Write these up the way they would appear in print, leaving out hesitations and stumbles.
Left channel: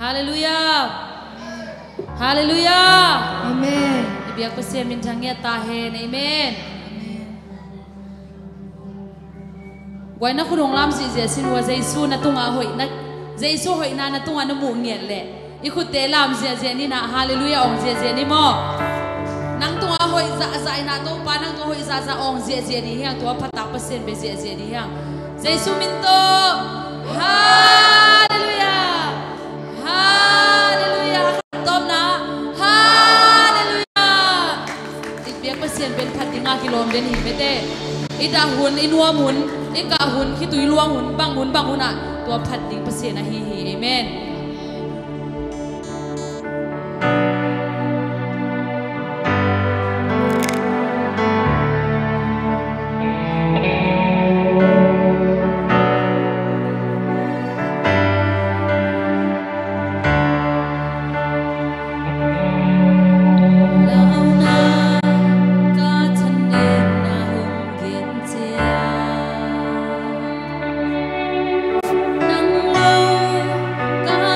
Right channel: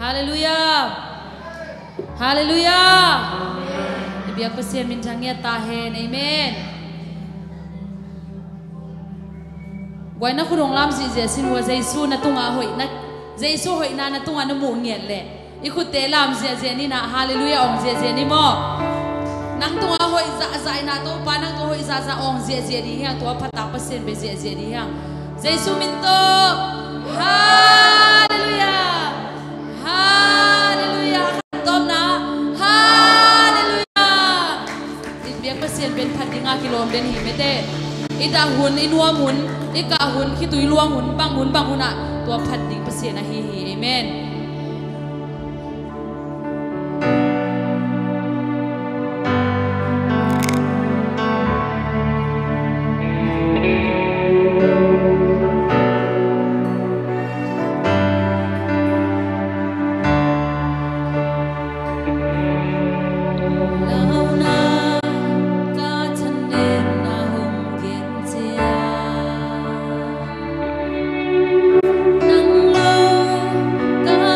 Hallelujah. Hallelujah. Amen. Ibiak pasien min jangia tahen. Amen. Quay nó khung lam gì gì xin hùa Giêsu na tung hội na Giêsu hội na tung na mu nghiệt lệ. Ikut te lam gì gì ni na Hallelujah ông gì gì ni mo. Nang tung hội dạ dạ na to pa nang to hội dạ dạ ông gì gì đi hiang to phát tác pasien be gì gì đi hiang. Giêsu min to. Hallelujah. Hallelujah. Tom na. Hallelujah. Ibiak pasien ben phát dinga kilom den hi mete. Ida hun inua hun ika hun khi tui luang hun bang hun à tua phát ding pasien na hi amen. Nang lo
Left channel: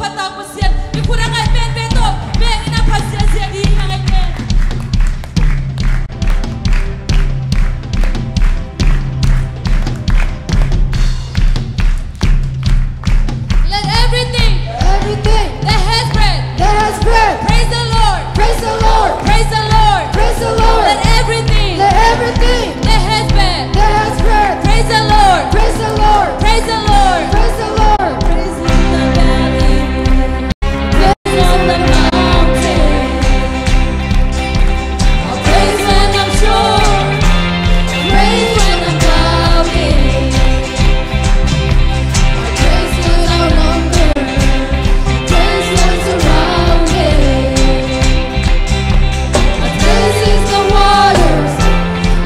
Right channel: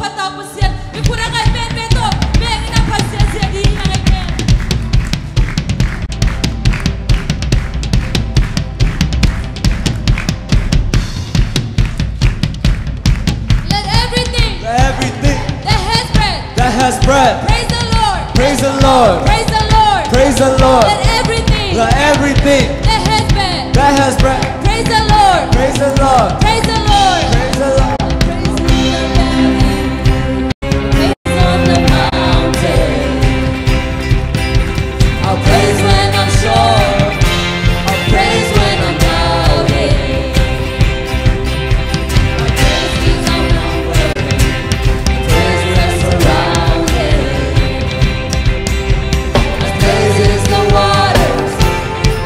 patang pasien. Ikurang ay ben beto. Ben ina pasien siya di ngay ben. Let everything that has breath praise the Lord. Praise the Lord. Praise the Lord. Praise the Lord. Let everything Let everything that has breath that has breath praise the Lord. praise the Lord. Praise the Lord. Praise the Lord. Praise in the valley. Praise on the mountain. I'll praise when I'm sure. I'll praise when I'm doubting. My praise is outnumbered. My praise is surrounded. My praise is the waters.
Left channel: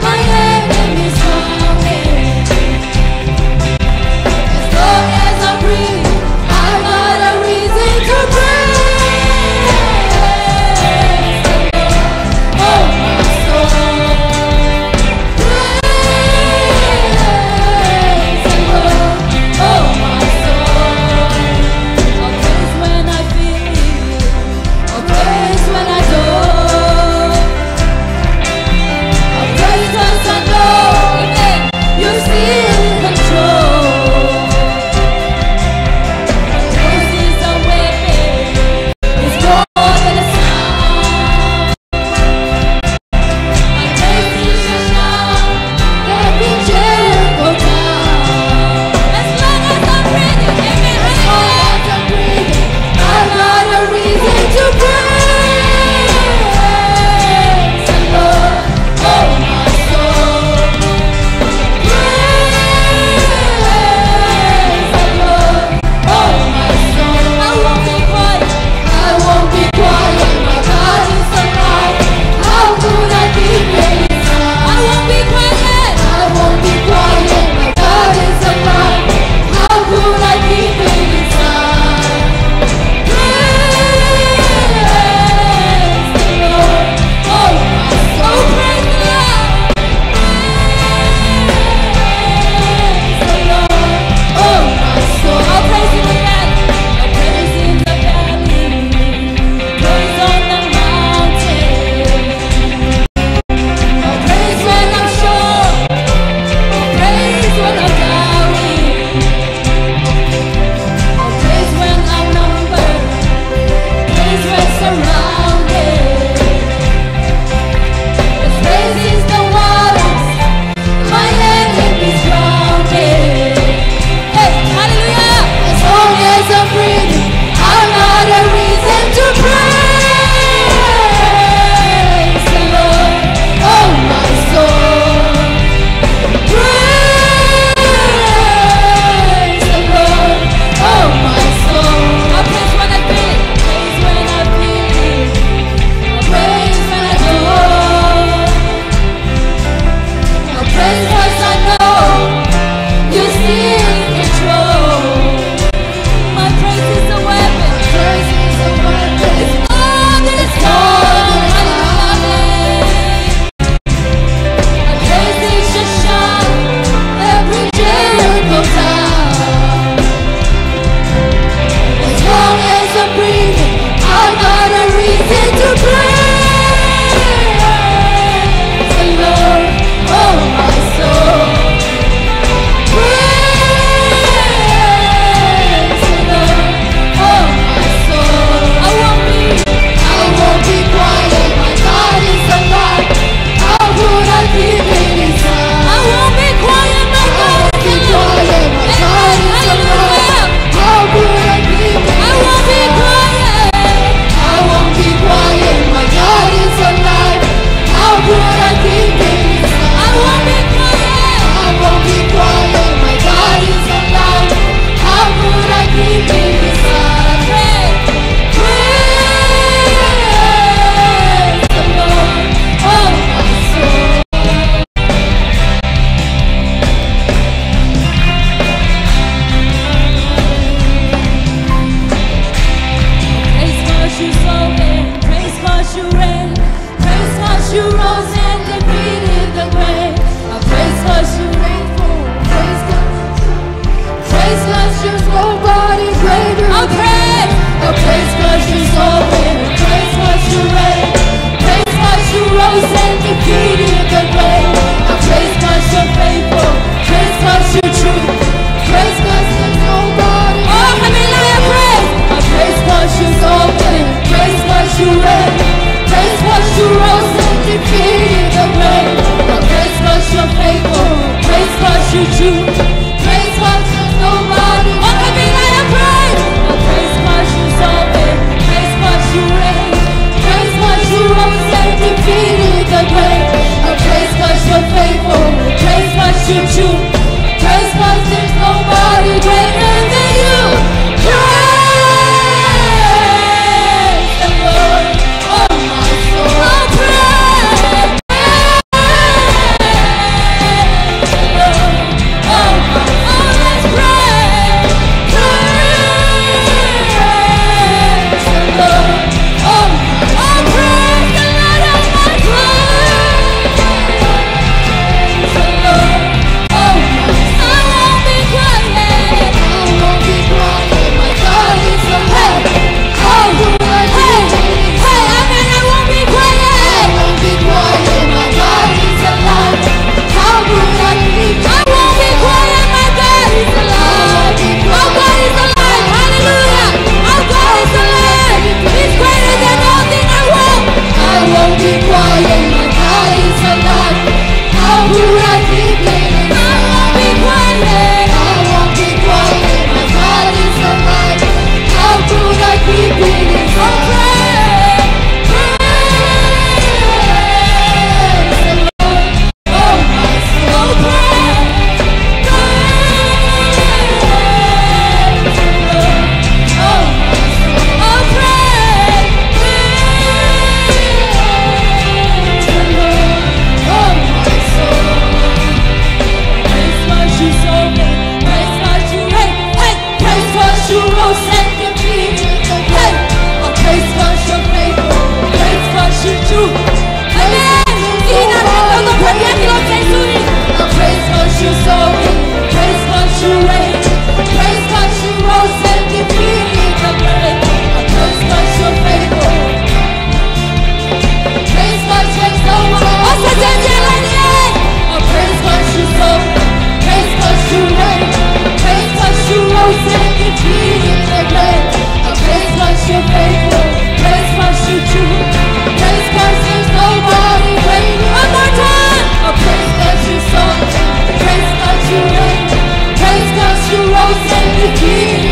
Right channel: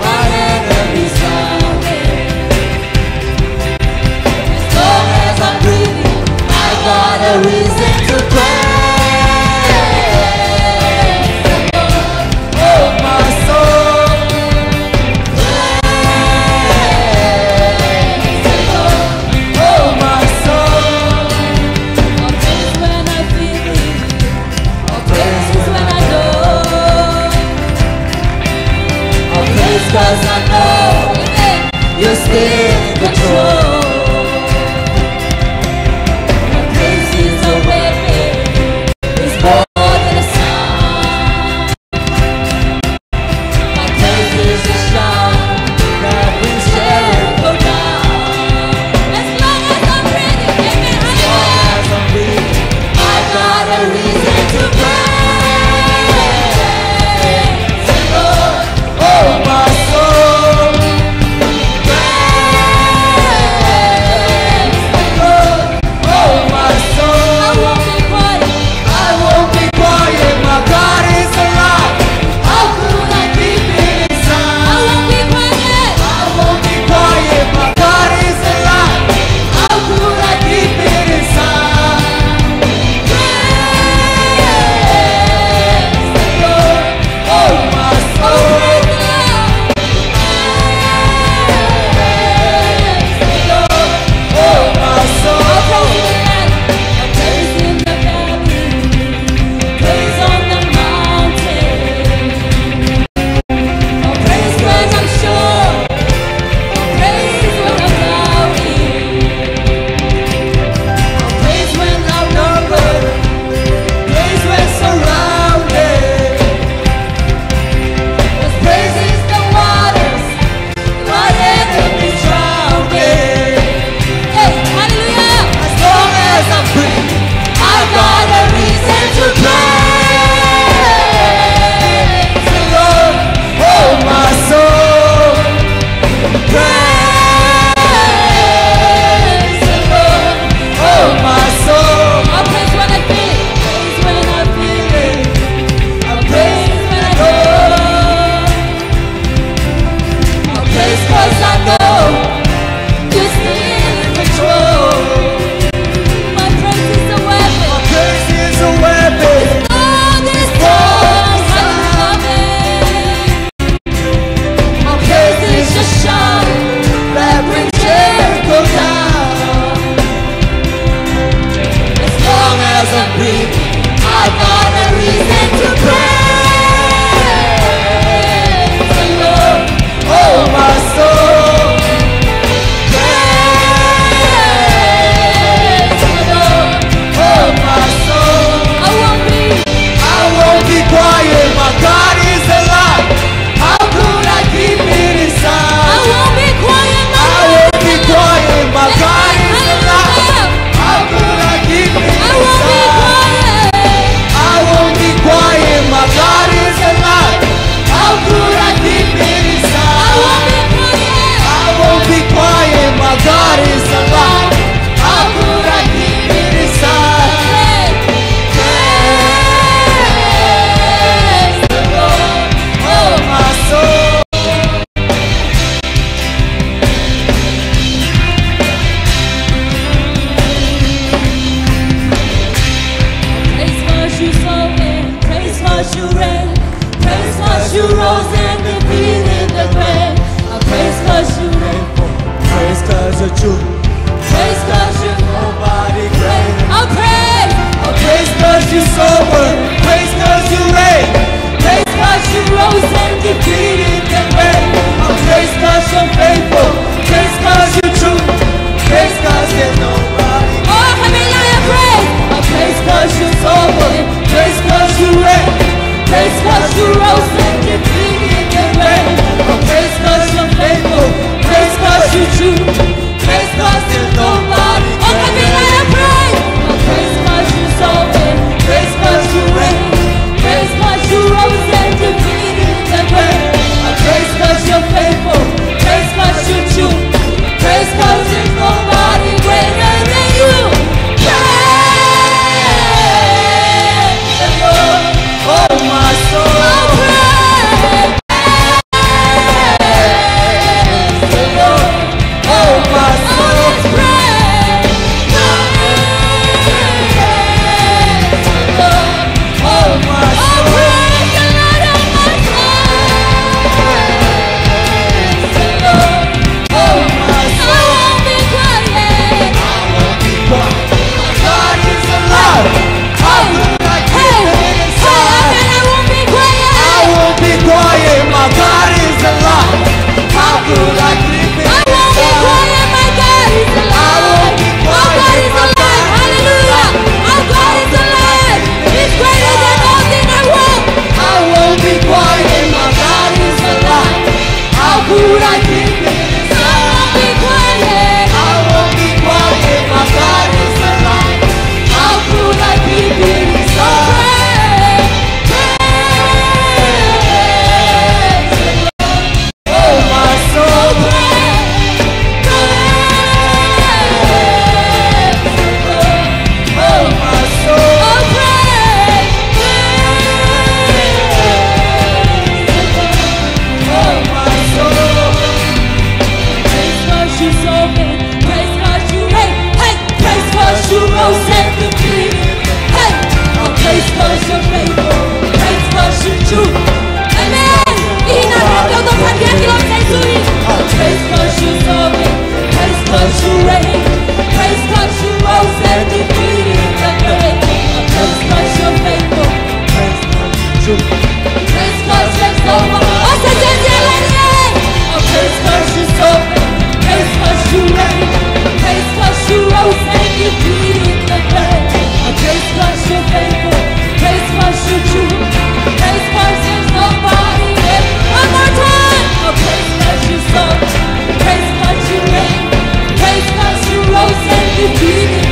My enemies drowning. As long as I'm breathing, I got a reason to praise the Lord. Oh, my soul, praise the Lord. Oh, my soul, I'll praise when I feel it. I'll praise when I don't. I'll praise 'cause I know that you're still in control. My praise is a weapon. It's more than a sound. My praise is a shout. Every Jericho down. As long as I'm breathing, amen, hallelujah. I got a reason to praise the Lord. Oh, my soul, praise the Lord. Oh, my soul, I won't be quiet. I won't be quiet. My God is alive. How could I keep it inside? I won't be quiet. I won't be quiet. My God is alive. How could I keep it inside? Praise the Lord. Oh, my soul, praise the Lord. Praise the Lord. Oh, my soul, I'll praise in the valley. I'll praise in the valley. Praise on the mountain. I'll praise when I'm sure. I'll praise when I'm doubting. I'll praise when I'm numbered. Praise when surrounded. 'Cause praise is the waters. My enemies drowning. Hey, hallelujah! As long as I'm breathing, I've got a reason to praise the Lord. Oh, my soul, praise the Lord. Oh, my soul, I'll praise when I feel it. Praise when I feel it. I'll praise when I don't. I'll praise 'cause I know you're still in control. My praise is a weapon. Praise is a weapon. It's all this song. Hallelujah. Our praise is a shout that brings Jericho down. As long as I'm breathing, I've got a reason to praise the Lord. Oh, my soul, praise the Lord. Oh, my soul, I won't be quiet. My God is alive. How could I keep it inside? I won't be quiet. My God is alive. My God is Hallelujah. How could I keep it? I won't be quiet. I won't be quiet. My God is alive. How could I keep it inside? I won't be quiet. I won't be quiet. My God is alive. How could I keep it inside? Praise the Lord. Oh, my soul. Praise 'cause you spoken. Praise 'cause you reign. Praise 'cause you rose and defeated the grave. I praise 'cause you reign. Praise 'cause of truth. Praise 'cause you nobody greater. I'll praise. rose and defeated. Hey, oh, praise 'cause you're faithful, praise 'cause you're true. Amen. Praise 'cause you're sovereign, praise 'cause you reign, praise 'cause you rose and defeated the grave. Praise 'cause you're faithful, praise 'cause you're sovereign. Praise 'cause you're sovereign, praise 'cause you reign, praise 'cause you rose and defeated the grave. Praise 'cause you're faithful, praise 'cause you're true, praise 'cause there's nobody great. One more time. Praise 'cause you're sovereign, praise 'cause you reign, praise 'cause you rose and defeated.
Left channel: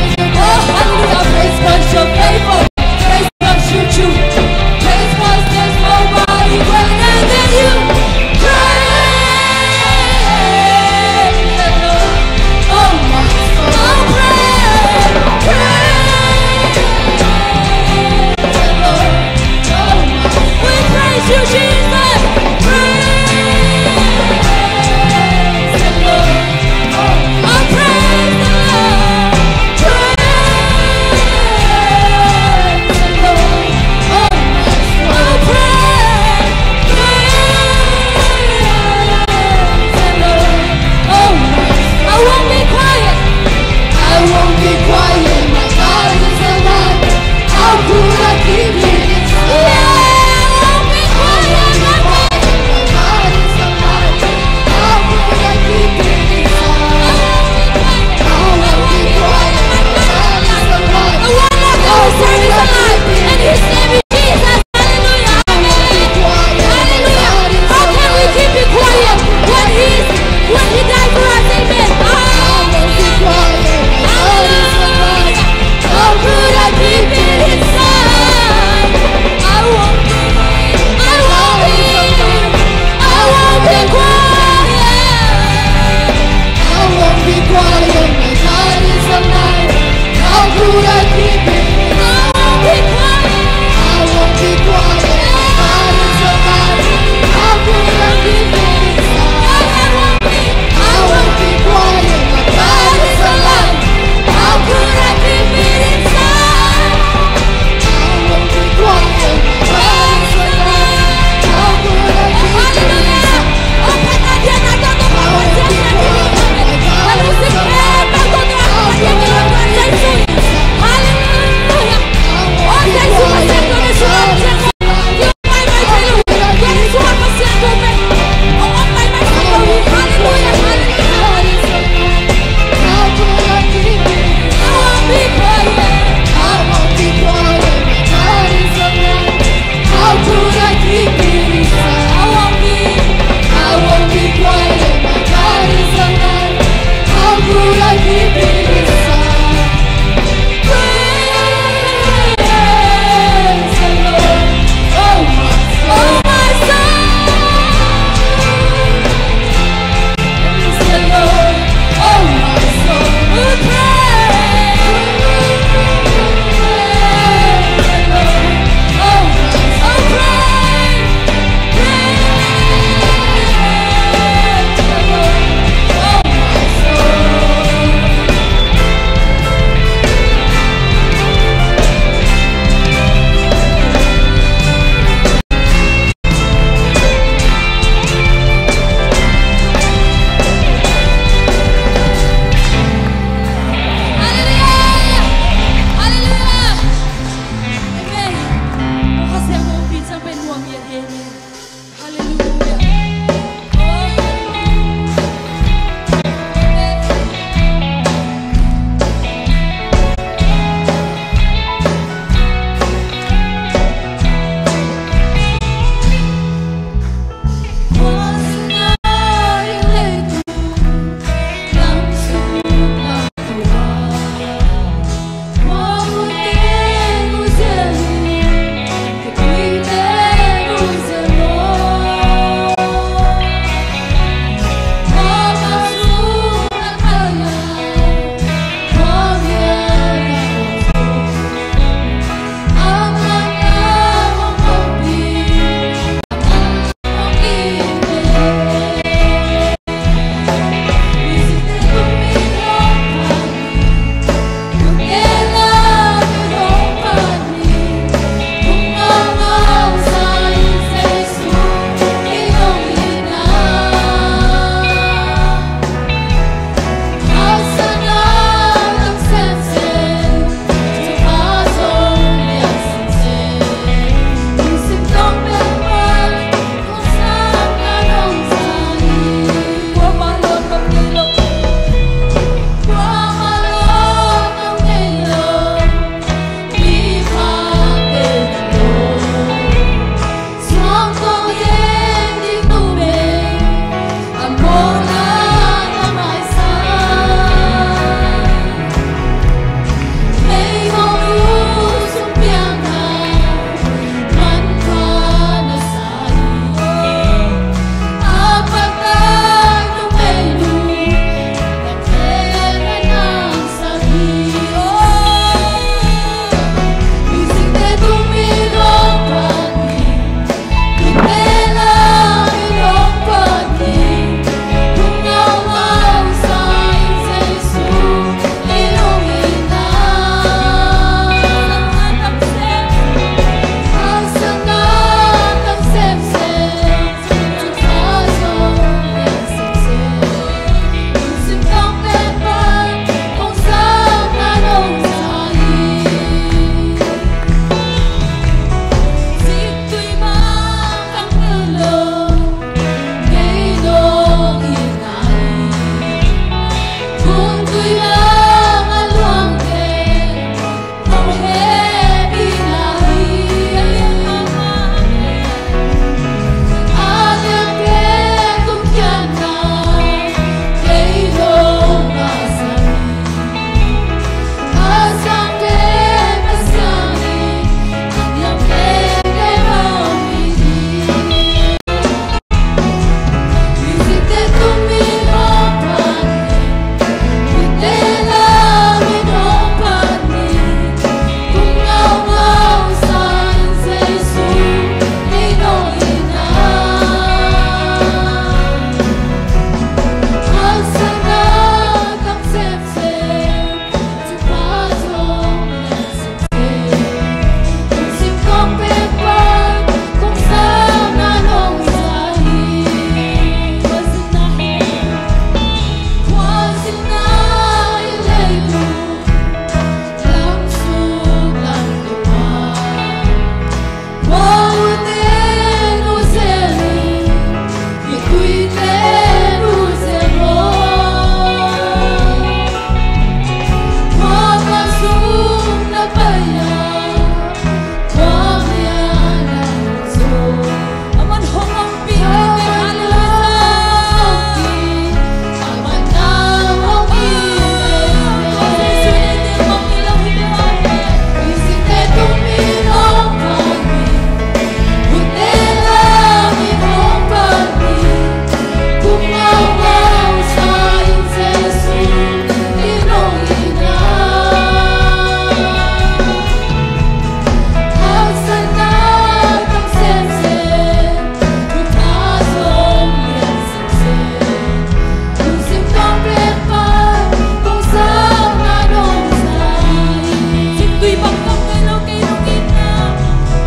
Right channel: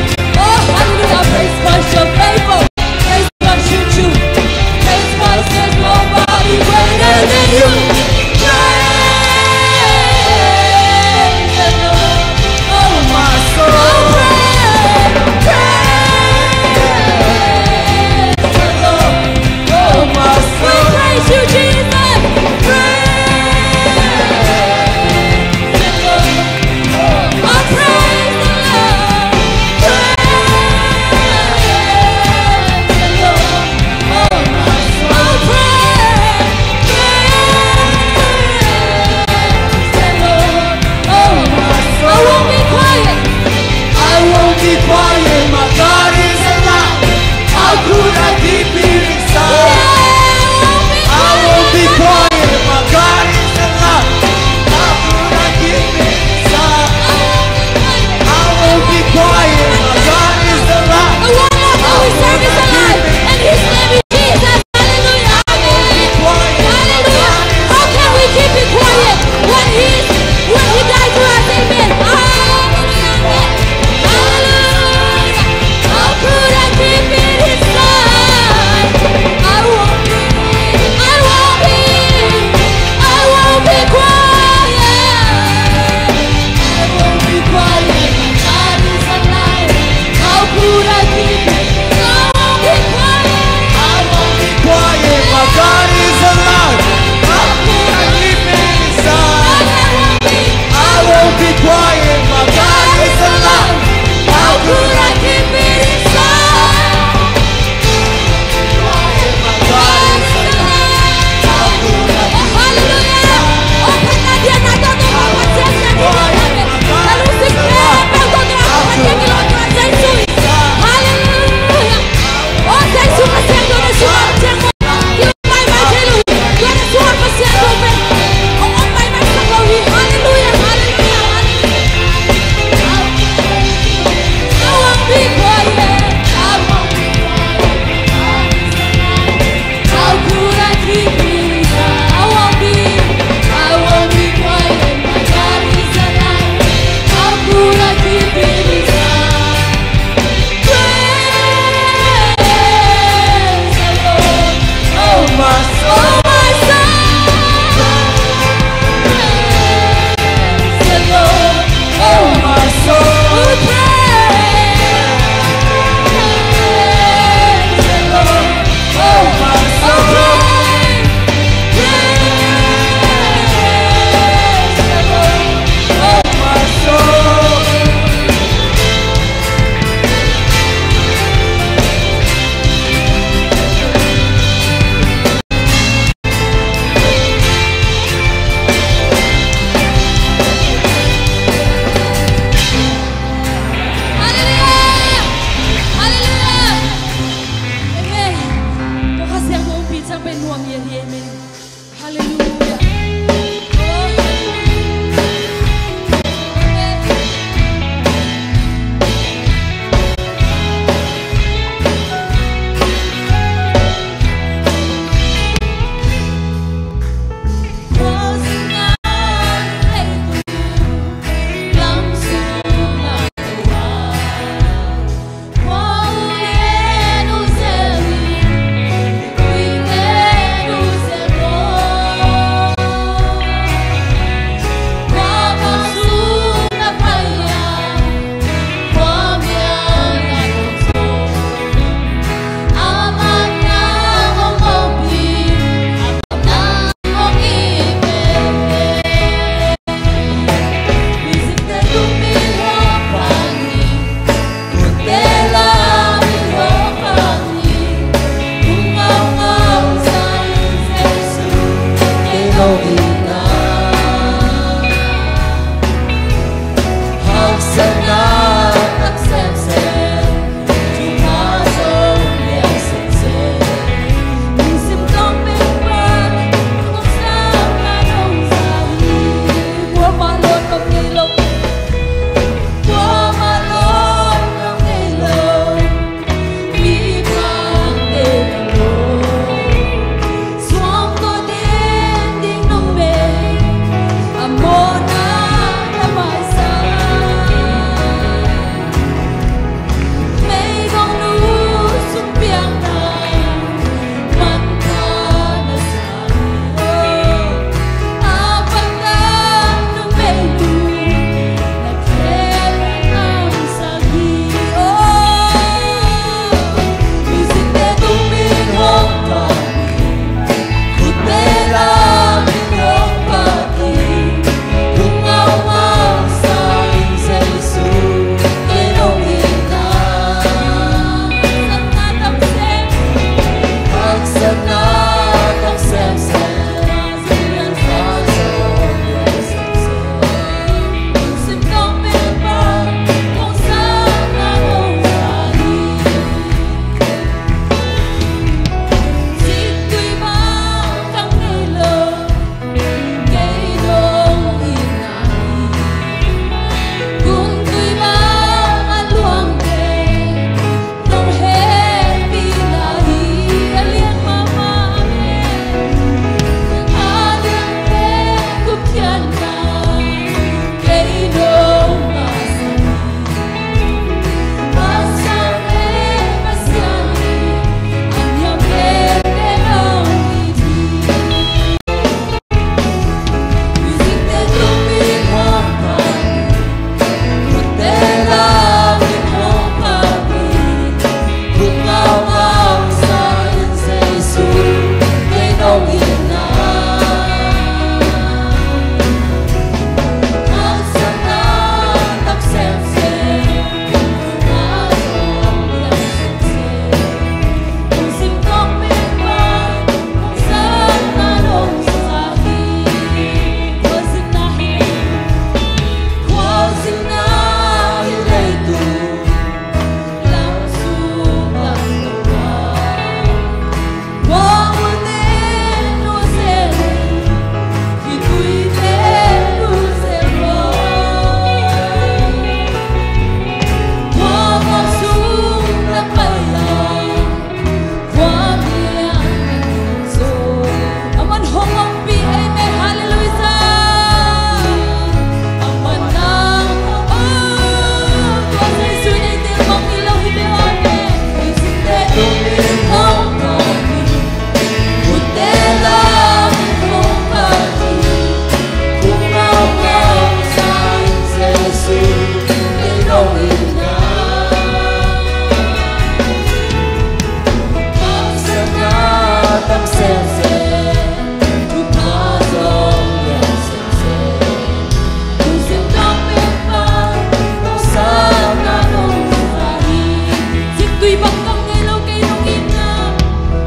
tùy bằng công ngày lâu cây nông in na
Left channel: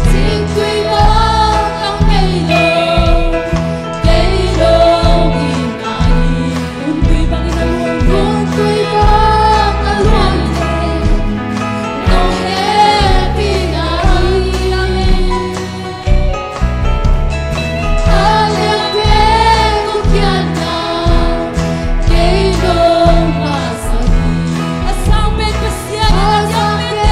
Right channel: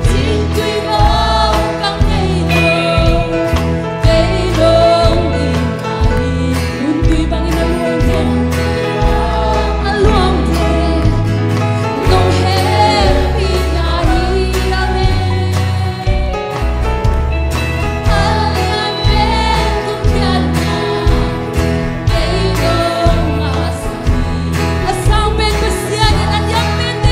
chính tùy bằng công ngày lâu cây nông in na un tùy bằng in na luôn tùy bằng na luôn thế nông hết in na amen amen cũng kian na cây nông asani asang ben besian ang yang ben de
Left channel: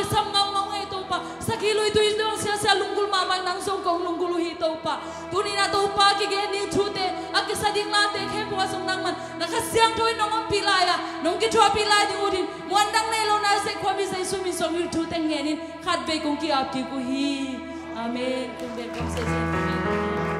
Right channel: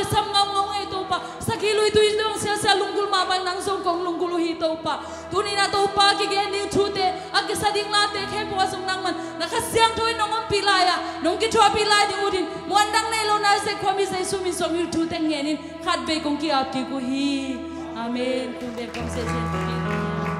kisam ngau ngau ngai to pa sakilui tu indong sia sia lungkul mamang nang song kong lungkul hi to pa tuni na to pa ki ge ni thute akisading la te khe po song nang man nakasyang thoi nongom pilaya nong ki thwa pilai di udin muandang nei lo na se khwami sai sumi som yu thute ngenin khat be kong ki ap ki ku hi amen kum be kam se se